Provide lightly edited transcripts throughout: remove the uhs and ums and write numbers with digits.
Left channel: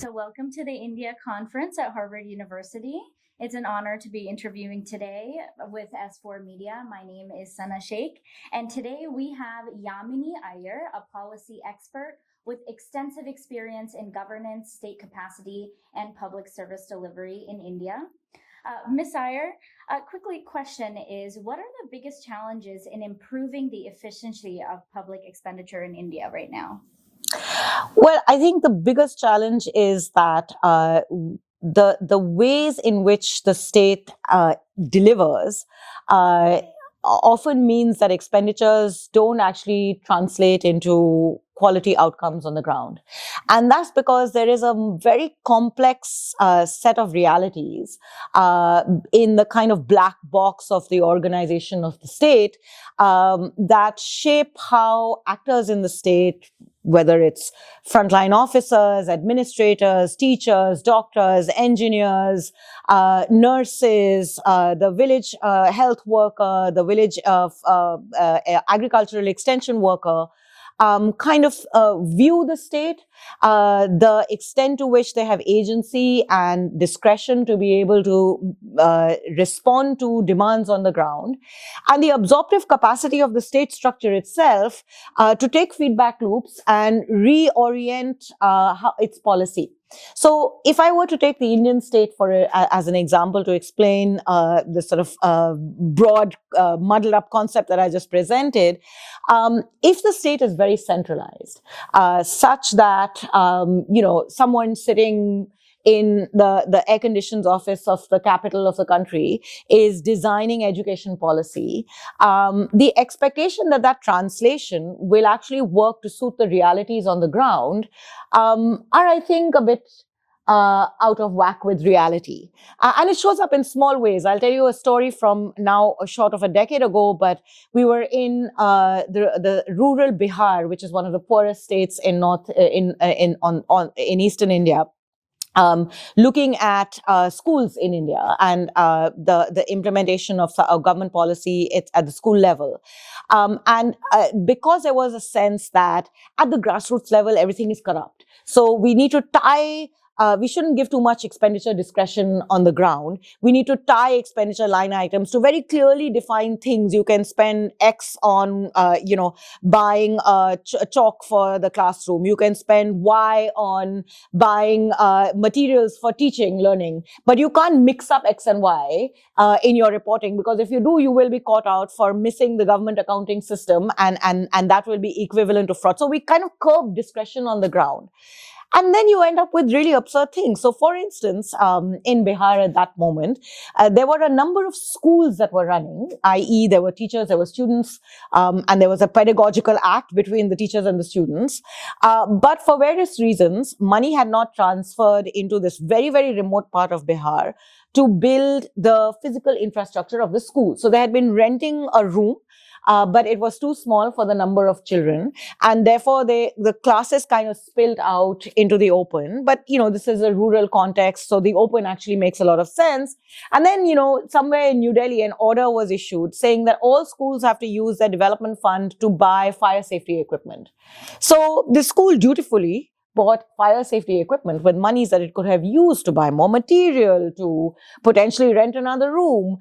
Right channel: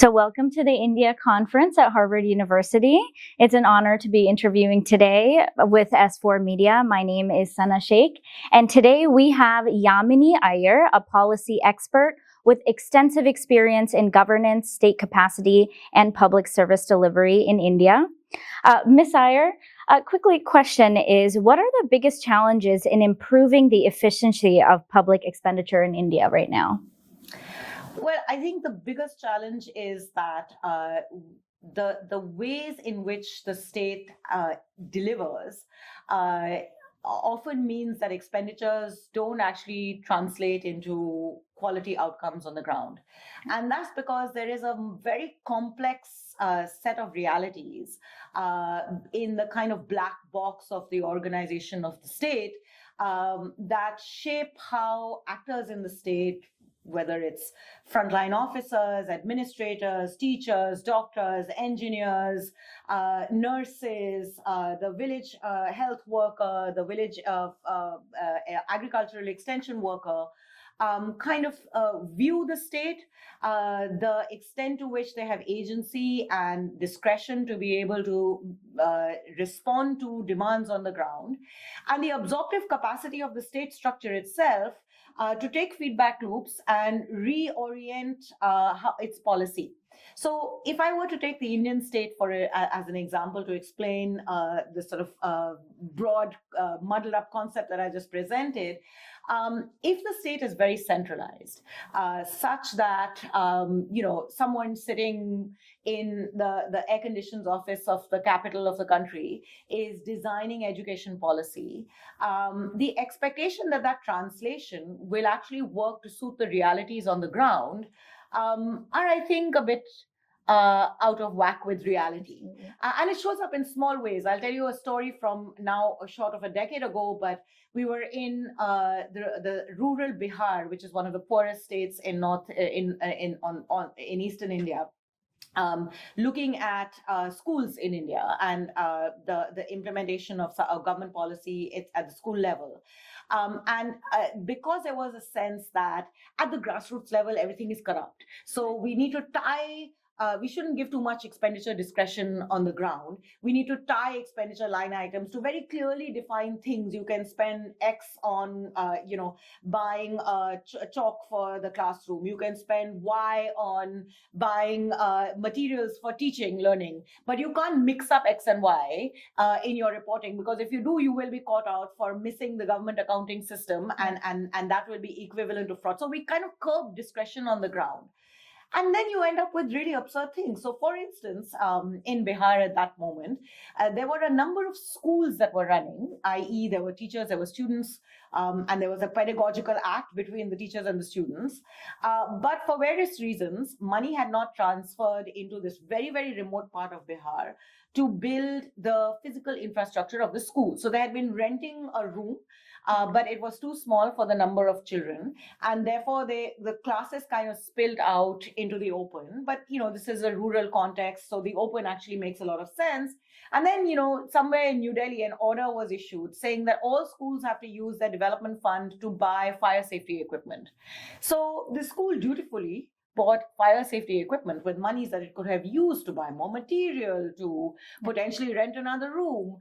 So welcome to the India Conference at Harvard University. It's an honor to be interviewing today with S4 Media. My name is Sana Sheikh, and today we have Yamini Aiyar, a policy expert with extensive experience in governance, state capacity, and public service delivery in India. Ms. Aiyar, quickly question is, what are the biggest challenges in improving the efficiency of public expenditure in India right now? Well, I think the biggest challenge is that the ways in which the state delivers often means that expenditures don't actually translate into quality outcomes on the ground. And that's because there is a very complex set of realities in the kind of black box of the organization of the state that shape how actors in the state, whether it's frontline officers, administrators, teachers, doctors, engineers, nurses, the village health worker, the village agricultural extension worker, view the state, the extent to which they have agency and discretion to be able to respond to demands on the ground, and the absorptive capacity of the state structure itself to take feedback loops and reorient its policy. So if I were to take the Indian state as an example to explain the sort of broad, muddled up concept that I just presented, if the state is very centralized, such that, someone sitting in the air-conditioned office of the capital of the country is designing education policy, the expectation that translation will actually work to suit the realities on the ground are, I think, a bit out of whack with reality. And it shows up in small ways. I'll tell you a story from now short of a decade ago, but we were in the rural Bihar, which is one of the poorest states in eastern India. Looking at schools in India and the implementation of government policy at the school level. Because there was a sense that at the grassroots level, everything is corrupt. So we need to we shouldn't give too much expenditure discretion on the ground. We need to tie expenditure line items to very clearly defined things. You can spend X on, buying chalk for the classroom. You can spend Y on buying materials for teaching, learning. But you can't mix up X and Y in your reporting, because if you do, you will be caught out for missing the government accounting system, and that will be equivalent to fraud. So we kind of curb discretion on the ground. And then you end up with really absurd things. So, for instance, in Bihar at that moment, there were a number of schools that were running, i.e. there were teachers, there were students, and there was a pedagogical act between the teachers and the students. But for various reasons, money had not transferred into this very, very remote part of Bihar to build the physical infrastructure of the school. So they had been renting a room, but it was too small for the number of children, and therefore the classes kind of spilled out into the open. But this is a rural context, so the open actually makes a lot of sense. And then somewhere in New Delhi, an order was issued saying that all schools have to use their development fund to buy fire safety equipment. So the school dutifully bought fire safety equipment with monies that it could have used to buy more material, to potentially rent another room,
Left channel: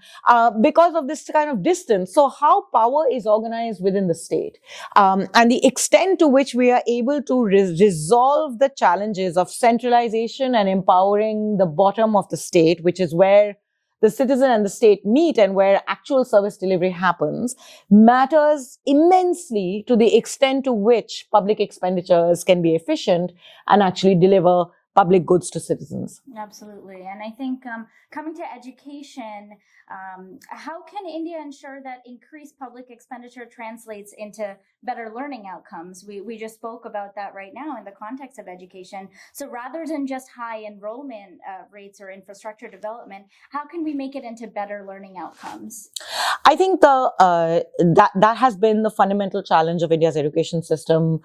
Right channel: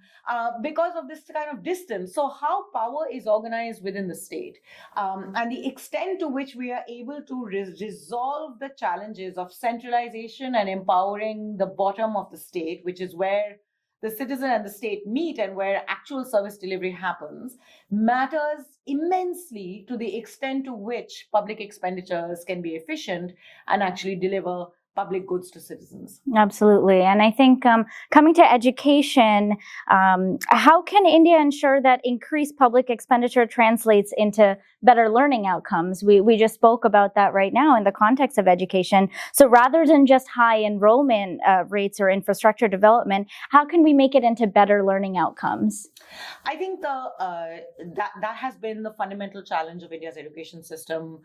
because of this kind of distance. So how power is organized within the state, and the extent to which we are able to resolve the challenges of centralization and empowering the bottom of the state, which is where the citizen and the state meet and where actual service delivery happens, matters immensely to the extent to which public expenditures can be efficient and actually deliver public goods to citizens. Absolutely. And I think coming to education, how can India ensure that increased public expenditure translates into better learning outcomes? We just spoke about that right now in the context of education. So rather than just high enrollment rates or infrastructure development, how can we make it into better learning outcomes? I think that has been the fundamental challenge of India's education system,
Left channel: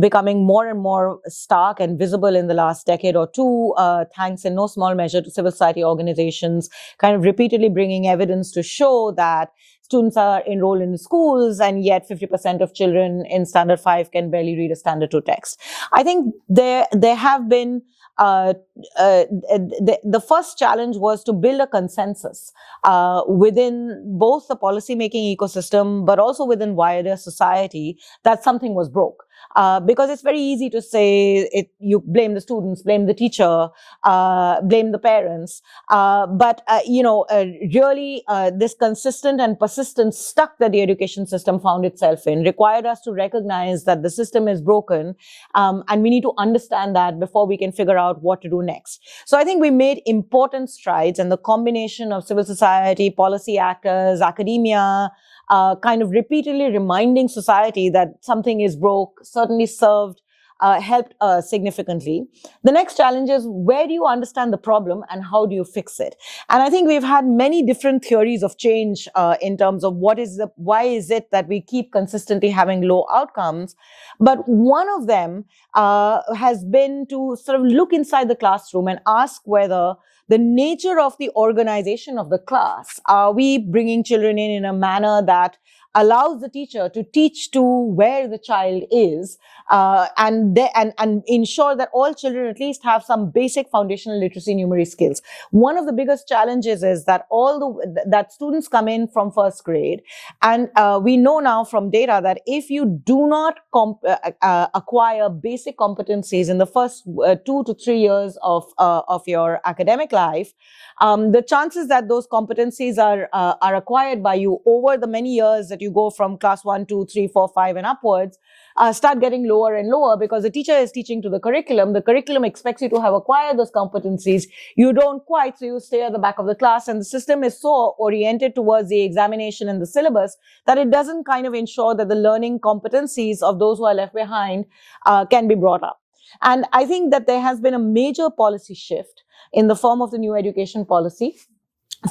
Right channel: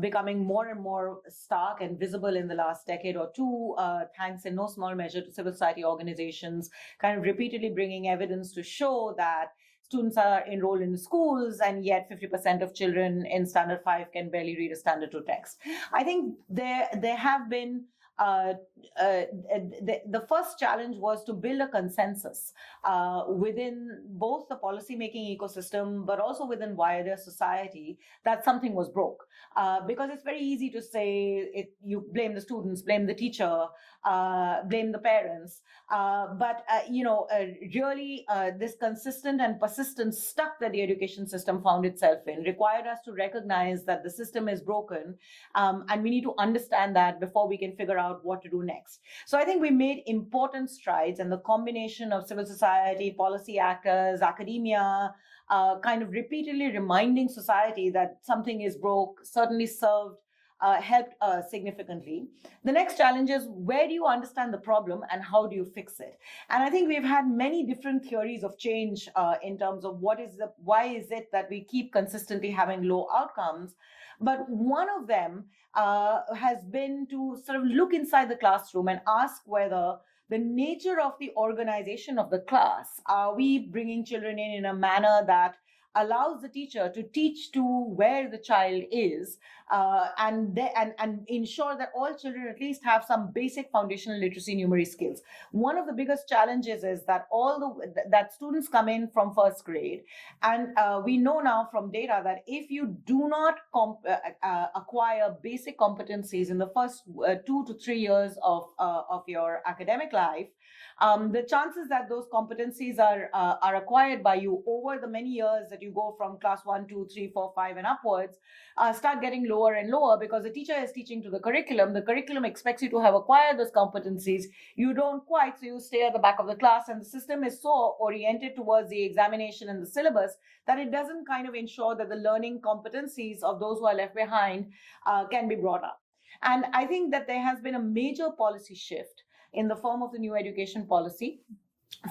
becoming more and more stark and visible in the last decade or two, thanks in no small measure to civil society organizations kind of repeatedly bringing evidence to show that students are enrolled in schools, and yet 50% of children in Standard 5 can barely read a Standard 2 text. I think there have been the first challenge was to build a consensus within both the policy-making ecosystem, but also within wider society, that something was broke. Because it's very easy to say you blame the students, blame the teacher, blame the parents. But really, this consistent and persistent stuck that the education system found itself in required us to recognize that the system is broken, and we need to understand that before we can figure out what to do next. So I think we made important strides, and the combination of civil society, policy actors, academia, kind of repeatedly reminding society that something is broke, certainly served, helped significantly. The next challenge is, where do you understand the problem and how do you fix it? And I think we've had many different theories of change in terms of why is it that we keep consistently having low outcomes. But one of them has been to sort of look inside the classroom and ask whether the nature of the organization of the class, are we bringing children in a manner that allows the teacher to teach to where the child is, and ensure that all children at least have some basic foundational literacy numeracy skills. One of the biggest challenges is that that students come in from first grade, and we know now from data that if you do not acquire basic competencies in the first 2 to 3 years of your academic life, the chances that those competencies are acquired by you over the many years that you go from class 1, 2, 3, 4, 5 and upwards start getting lower and lower, because the teacher is teaching to the curriculum. The curriculum expects you to have acquired those competencies. You don't quite, so you stay at the back of the class, and the system is so oriented towards the examination and the syllabus that it doesn't kind of ensure that the learning competencies of those who are left behind can be brought up. And I think that there has been a major policy shift in the form of the new education policy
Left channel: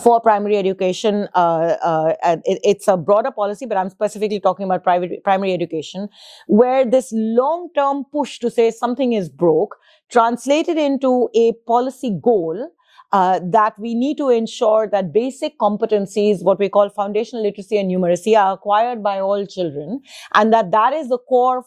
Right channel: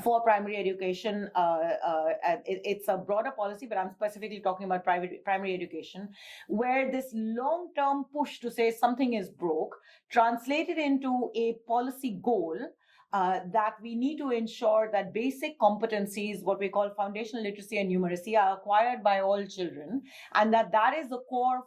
for primary education. It's a broader policy, but I'm specifically talking about primary education, where this long-term push to say something is broke translated into a policy goal that we need to ensure that basic competencies, what we call foundational literacy and numeracy, are acquired by all children, and that is the core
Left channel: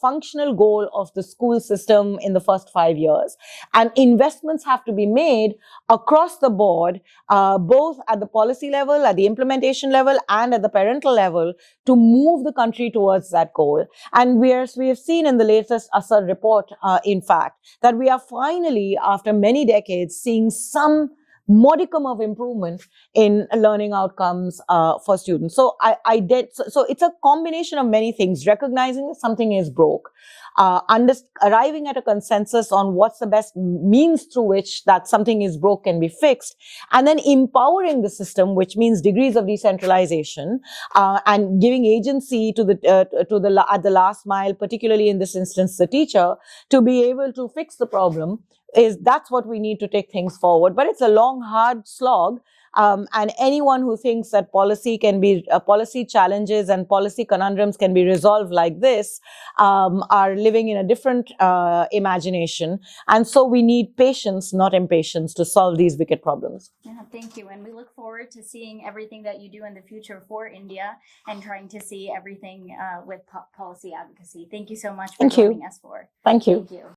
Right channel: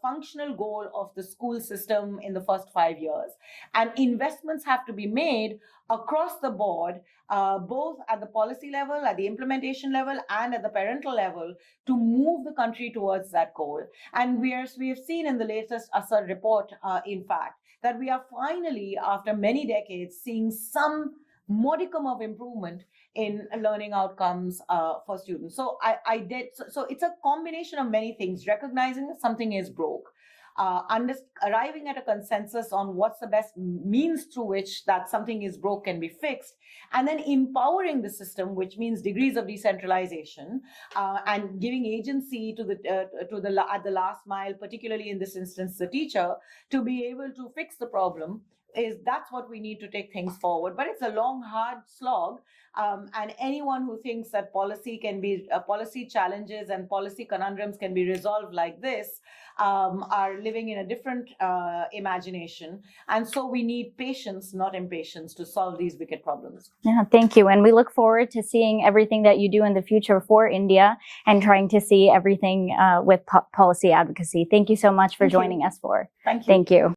functional goal of the school system in the first 5 years. And investments have to be made across the board, both at the policy level, at the implementation level, and at the parental level, to move the country towards that goal. And we have seen in the latest ASAR report, in fact, that we are finally, after many decades, seeing some modicum of improvement in learning outcomes for students. So so it's a combination of many things: recognizing that something is broke, arriving at a consensus on what's the best means through which that something is broke can be fixed, and then empowering the system, which means degrees of decentralization, and giving agency to at the last mile, particularly in this instance the teacher, to be able to fix the problem. That's what we need to take things forward. But it's a long, hard slog. And anyone who thinks that policy challenges and policy conundrums can be resolved like this are living in a different imagination. And so we need patience, not impatience, to solve these wicked problems. Yeah, thank you. And we look forward to seeing everything that you do in the future for India, and trying to see everything with policy advocacy. Thank you so much for joining us. Thank you. Thank you.